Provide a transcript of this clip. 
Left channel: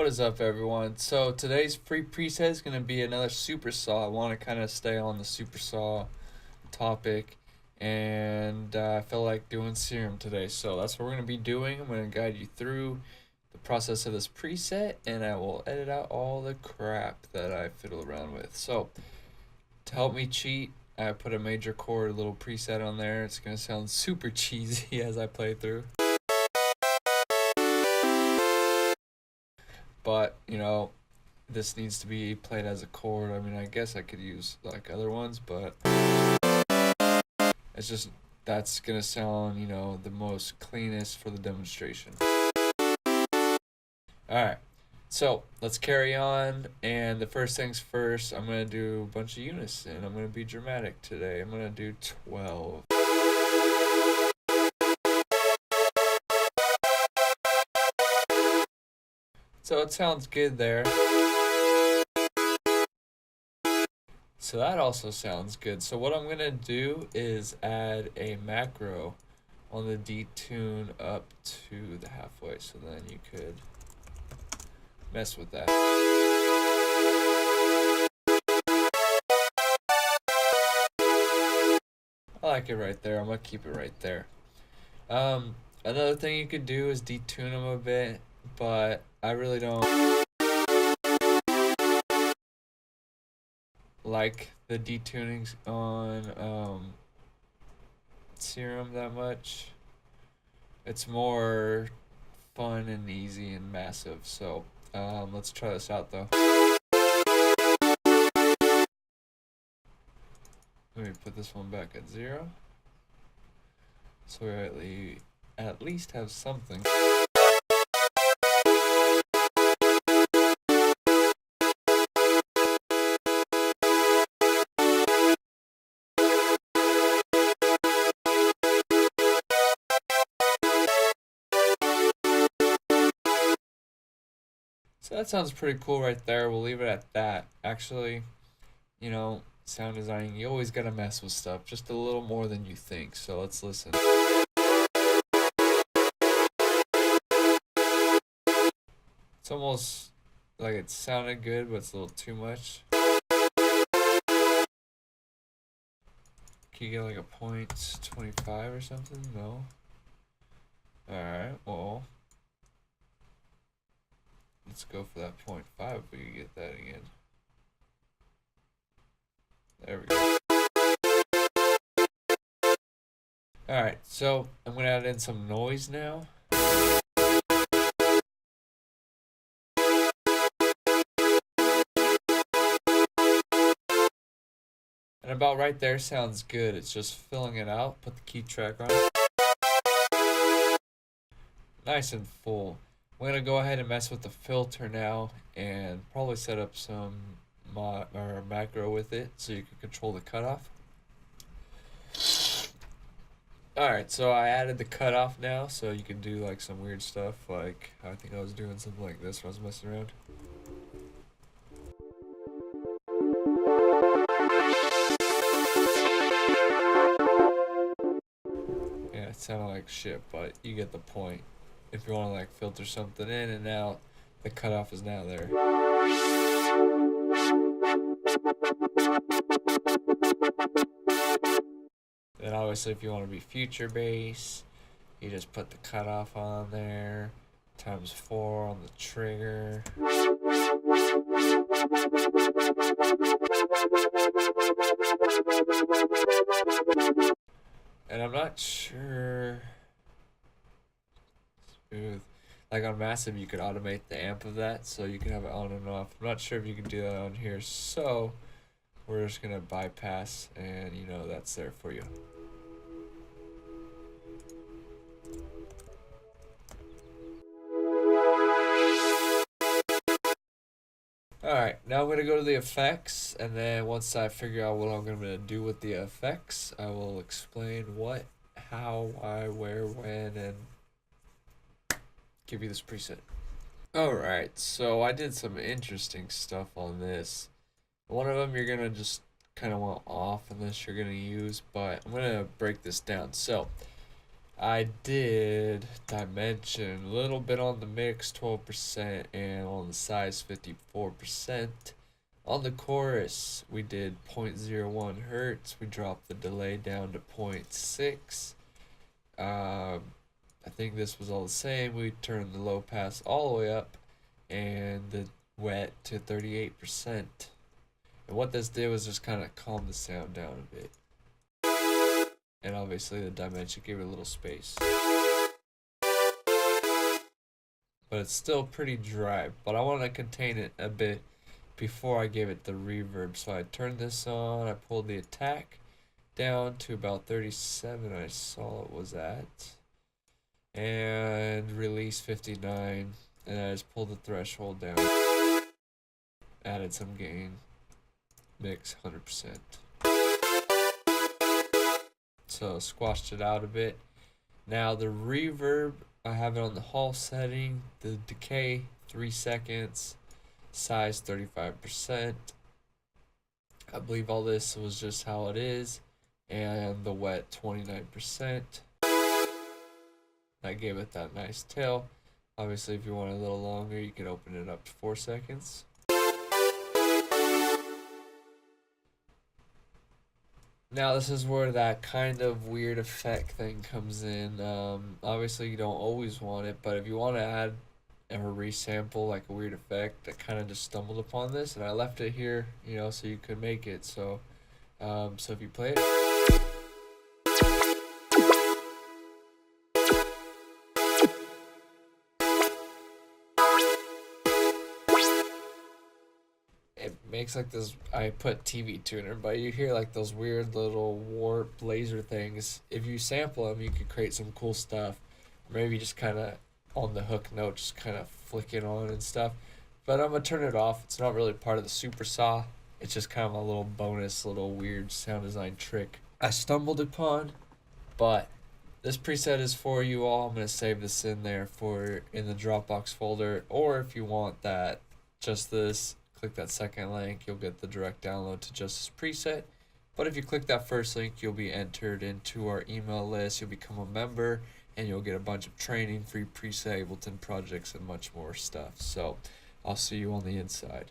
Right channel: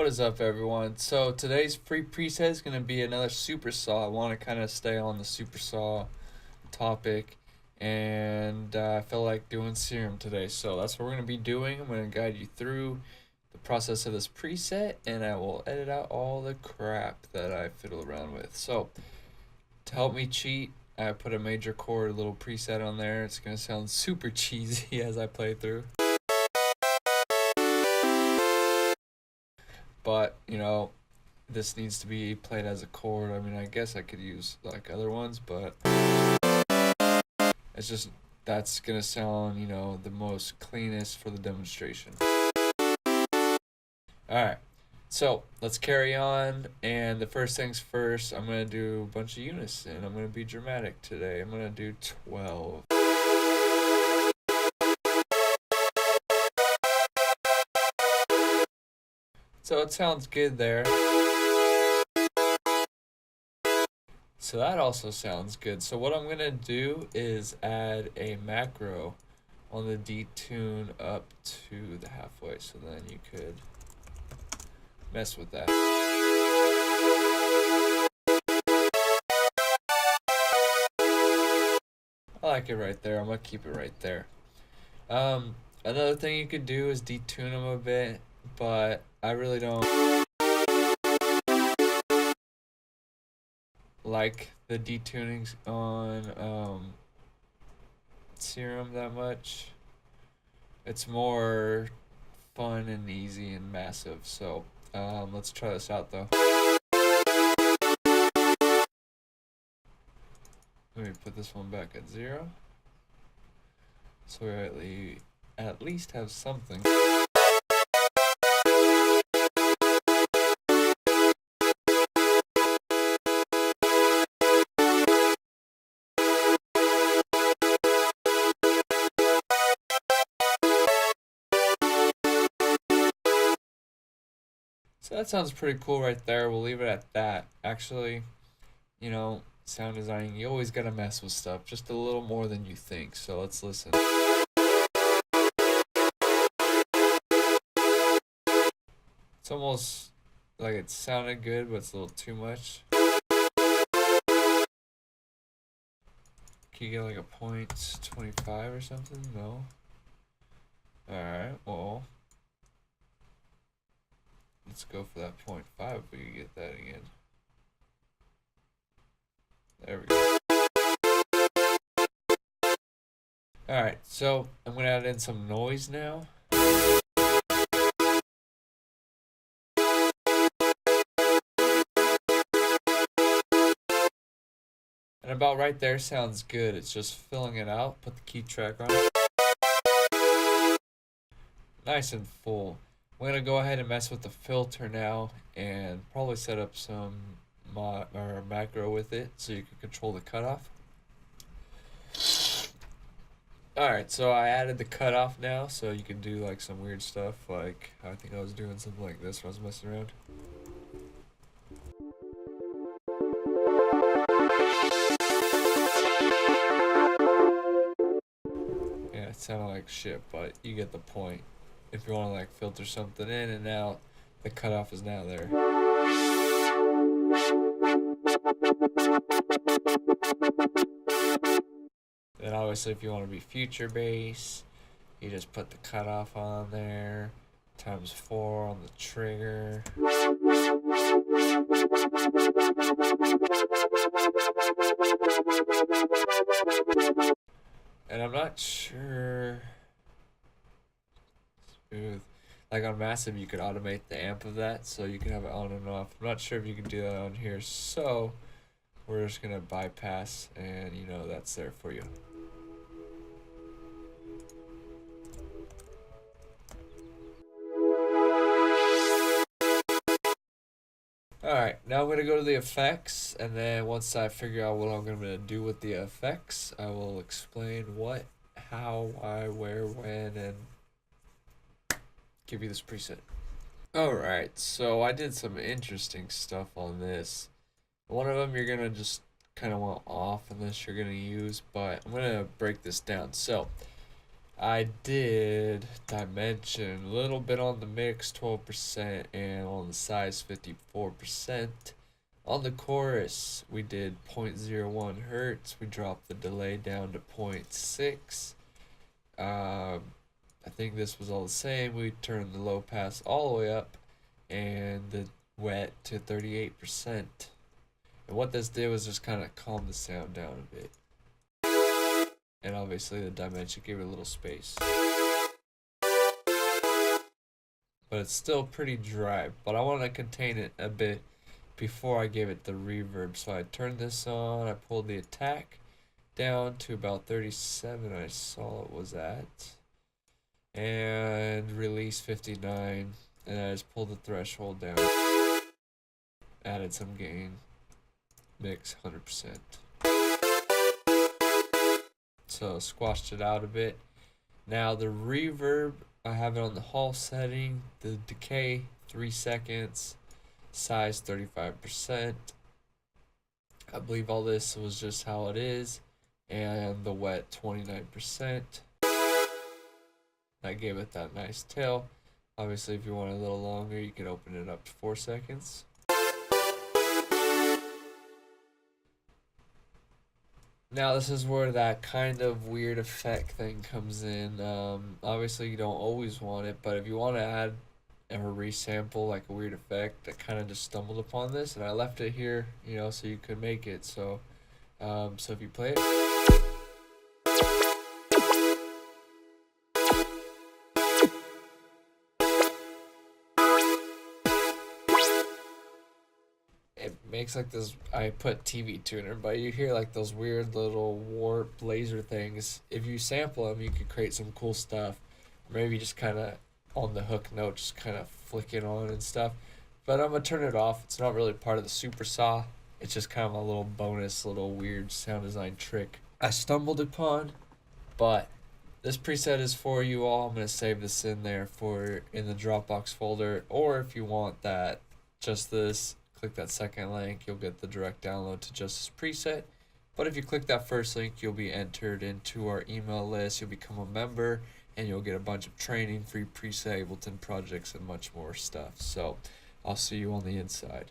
What is up, everyone? So today's free preset is going to be another super saw. I want to kind of stay on the super saw topic, and I feel like doing serum today. So that's what we're going to be doing. I'm going to guide you through the process of this preset, and I will edit out all the crap that I fiddle around with. So to help me cheat, I put a major chord little preset on there. It's going to sound super cheesy as I play through. But, this needs to be played as a chord. I mean, I guess I could use like other ones, but it's just that's gonna sound, the most cleanest for the demonstration. Alright, so let's carry on. And the first things first, I'm gonna do a bunch of unison. I'm gonna be dramatic today. I'm gonna do 12. So it sounds good there. So that also sounds good. So what I'm going to do is add a macro on the detune up to the halfway. So then you could mess with that. I like it right there. I'm going to keep it right there. Another thing you could do is detune them a bit, but I really don't like the detunings on Serum that much. It's more fun and easy and massive. So let's try this out though. Let me put this one back at 0. So we at least have something. So that sounds pretty cool right there. We'll leave it at that. Actually, sound designing, you always gotta mess with stuff just a little more than you think. So let's listen. It's almost like it sounded good, but it's a little too much. Can you get like a 0.25 or something? No. Alright, well, let's go for that 0.5 if we can get that again. There we go. Alright, so I'm going to add in some noise now. And about right there sounds good. It's just filling it out. Put the key track on. Nice and full. I'm going to go ahead and mess with the filter now and probably set up some macro with it so you can control the cutoff. Alright, so I added the cutoff now so you can do like some weird stuff, like I think I was doing something like this when I was messing around. Yeah, it sounded like shit, but you get the point. If you want to like filter something in and out, the cutoff is now there. Then obviously if you want to be future bass, you just put the cutoff on there, times 4 on the trigger. And I'm not sure. Smooth. Like on Massive, you could automate the amp of that, so you can have it on and off. I'm not sure if you can do that on here, so we're just gonna bypass, and that's there for you. Alright, now I'm going to go to the effects, and then once I figure out what I'm going to do with the effects, I will explain what, how, why, where, when, and give you this preset. Alright, so I did some interesting stuff on this. One of them you're going to just kind of want off unless you're going to use, but I'm going to break this down. So, I did dimension a little bit on the mix, 12%, and on the size, 54%. On the chorus, we did 0.01 hertz. We dropped the delay down to 0.6. I think this was all the same. We turned the low pass all the way up and the wet to 38%. And what this did was just kind of calm the sound down a bit. And obviously the dimension gave it a little space. But it's still pretty dry. But I want to contain it a bit before I gave it the reverb. So I turned this on, I pulled the attack down to about 37 I saw it was at. And release 59. And I just pulled the threshold down. Added some gain. Mix 100%. So squashed it out a bit. Now the reverb, I have it on the Hall setting. The decay 3 seconds. Size 35%. I believe all this was just how it is. And the wet 29%. I gave it that nice tail. Obviously if you want it a little longer you can open it up to 4 seconds. Now this is where that kind of weird effect thing comes in. Obviously you don't always want it, but if you want to add or resample like a weird effect, I kind of just stumbled upon this and I left it here, so you could make it. So if you play it. It makes like this. I put TV tuner, but you hear like those weird little warp laser things. If you sample them, you could create some cool stuff. Maybe just kind of on the hook note, just kind of flick it on and stuff. But I'm gonna turn it off. It's not really part of the super saw. It's just kind of a little bonus, little weird sound design trick I stumbled upon. But this preset is for you all. I'm gonna save this in there in the Dropbox folder, or if you want that, just this. Click that second link, you'll get the direct download to just this preset. But if you click that first link, you'll be entered into our email list, you'll become a member, and you'll get a bunch of training, free preset, Ableton projects, and much more stuff. So I'll see you on the inside.